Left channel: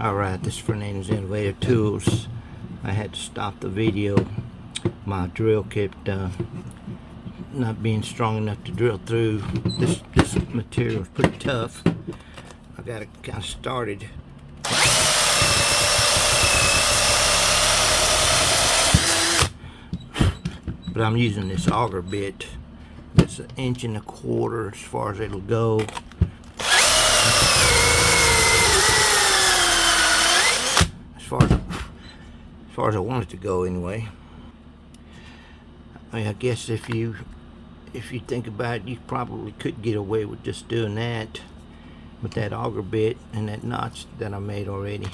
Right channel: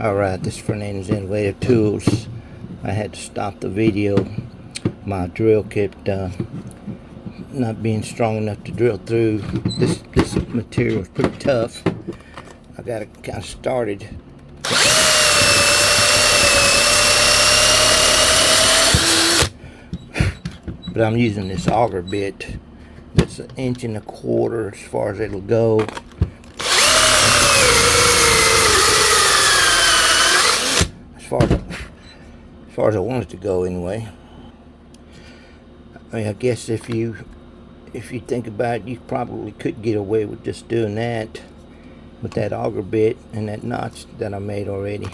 Alright, this is Fernandez Innovative Tools. I had to stop the video. My drill kept not being strong enough to drill through. This material is pretty tough. I got it kind of started. But I'm using this auger bit. It's 1.25 inches as far as it'll go. As far as I want it to go anyway. I mean, I guess if you think about it, you probably could get away with just doing that with that auger bit and that notch that I made already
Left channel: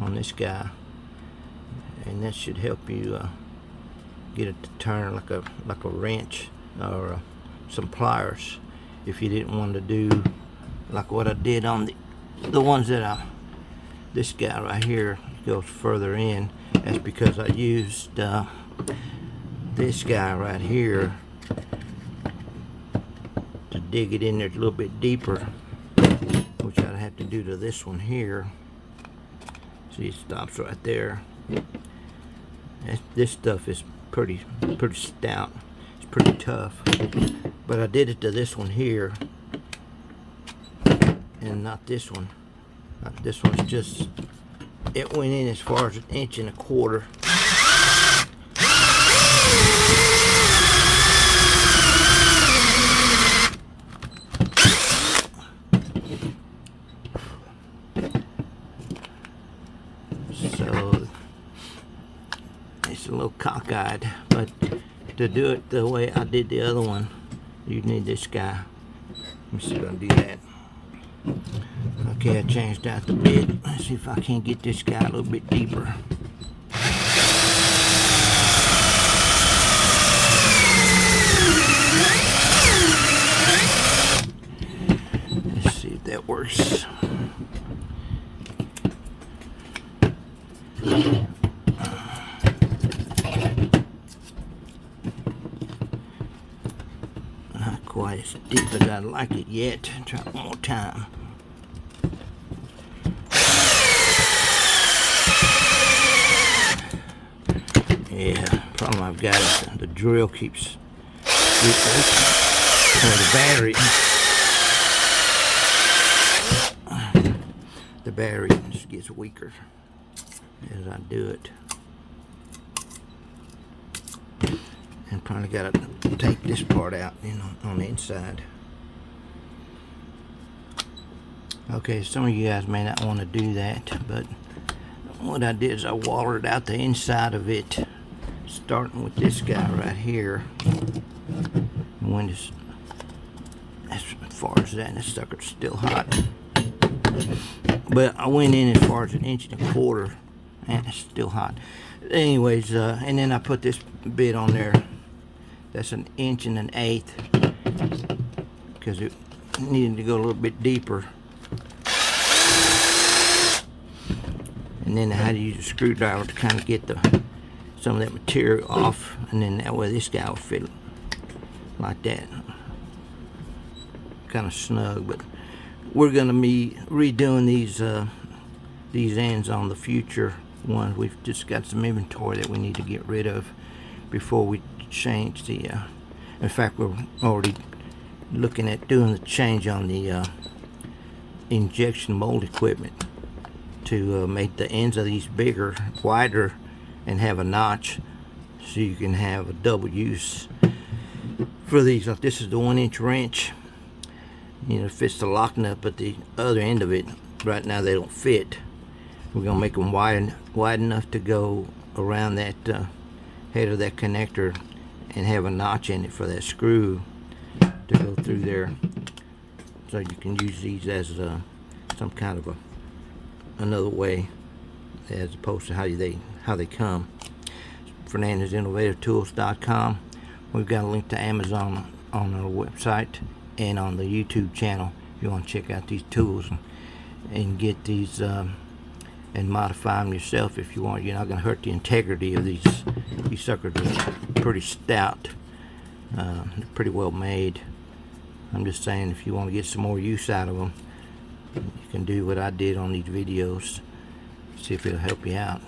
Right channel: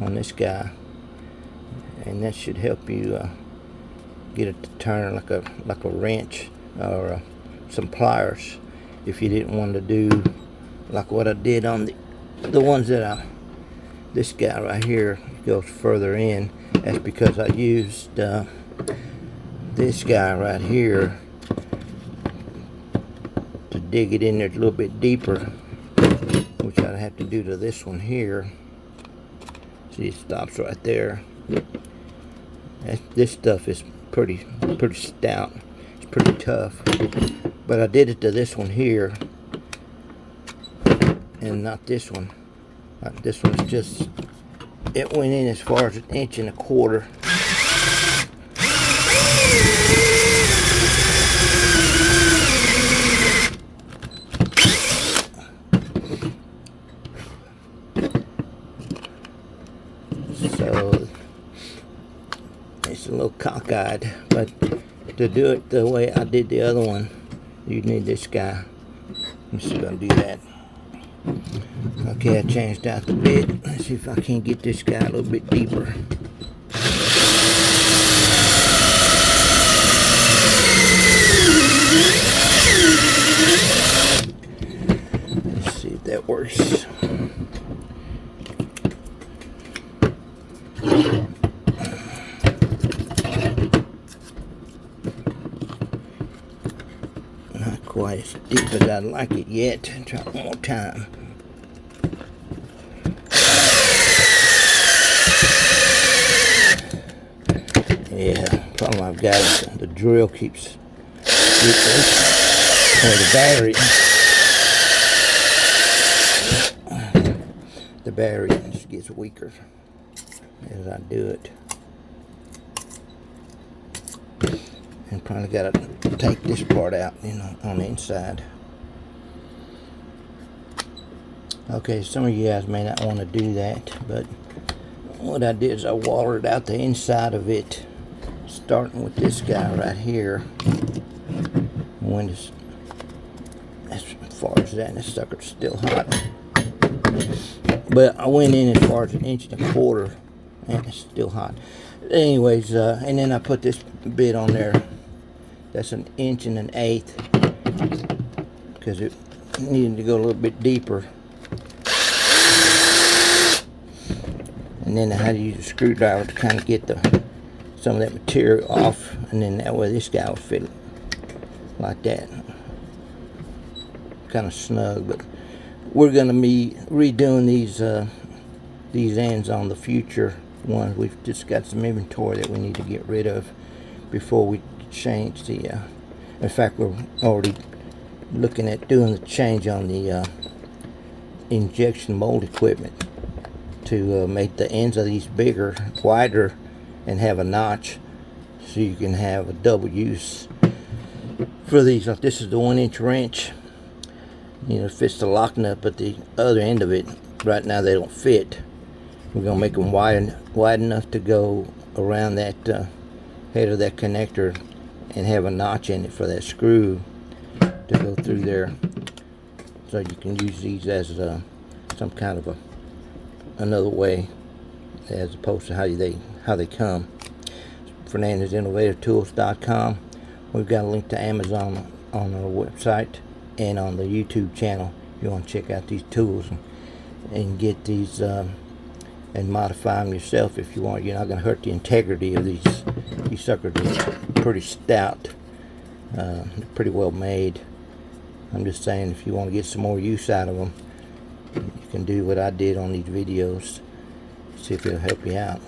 on this guy, and that should help you get it to turn like a wrench or some pliers if you didn't want to do like what I did on the ones that this guy right here goes further in. That's because I used this guy right here to dig it in there a little bit deeper, which I'd have to do to this one here. See, it stops right there. This stuff is pretty stout. It's pretty tough. But I did it to this one here, and not this one. This one's just, it went in as far as 1.25 inches. So it's a little cockeyed, but to do it the way I did the other one, you need this guy. Let me see if I can do that. Okay, I changed out the bit. Let's see if I can get this guy a little bit deeper. Let's see if that works. Not quite as deep as I'd like it yet. Try one more time. Yeah, problem I've got is the drill keeps getting, or the battery just gets weaker as I do it. And probably got to take this part out, on the inside. Okay, some of you guys may not want to do that, but what I did is I watered out the inside of it, starting with this guy right here. When it's as far as that, and this sucker's still hot. But I went in as far as 1.25 inches, and it's still hot. Anyways, and then I put this bit on there. That's 1 1/8 inches, because it needed to go a little bit deeper. And then I had to use a screwdriver to kind of get some of that material off, and then that way this guy will fit like that, kind of snug. But we're going to be redoing these ends on the future ones. We've just got some inventory that we need to get rid of before we change the. In fact, we're already looking at doing the change on the injection mold equipment to make the ends of these bigger, wider, and have a notch, so you can have a double use for these. Like this is the 1-inch wrench, it fits the lock nut, but the other end of it right now they don't fit. We're gonna make them wide enough to go around that head of that connector and have a notch in it for that screw to go through there, so you can use these as some kind of another way, as opposed to how they come. FernandezInnovativeTools.com. We've got a link to Amazon on our website and on the YouTube channel. If you want to check out these tools and get these and modify them yourself if you want. You're not going to hurt the integrity of these. These suckers are pretty stout. They're pretty well made. I'm just saying, if you want to get some more use out of them, You can do what I did on these videos. See if it'll help you out.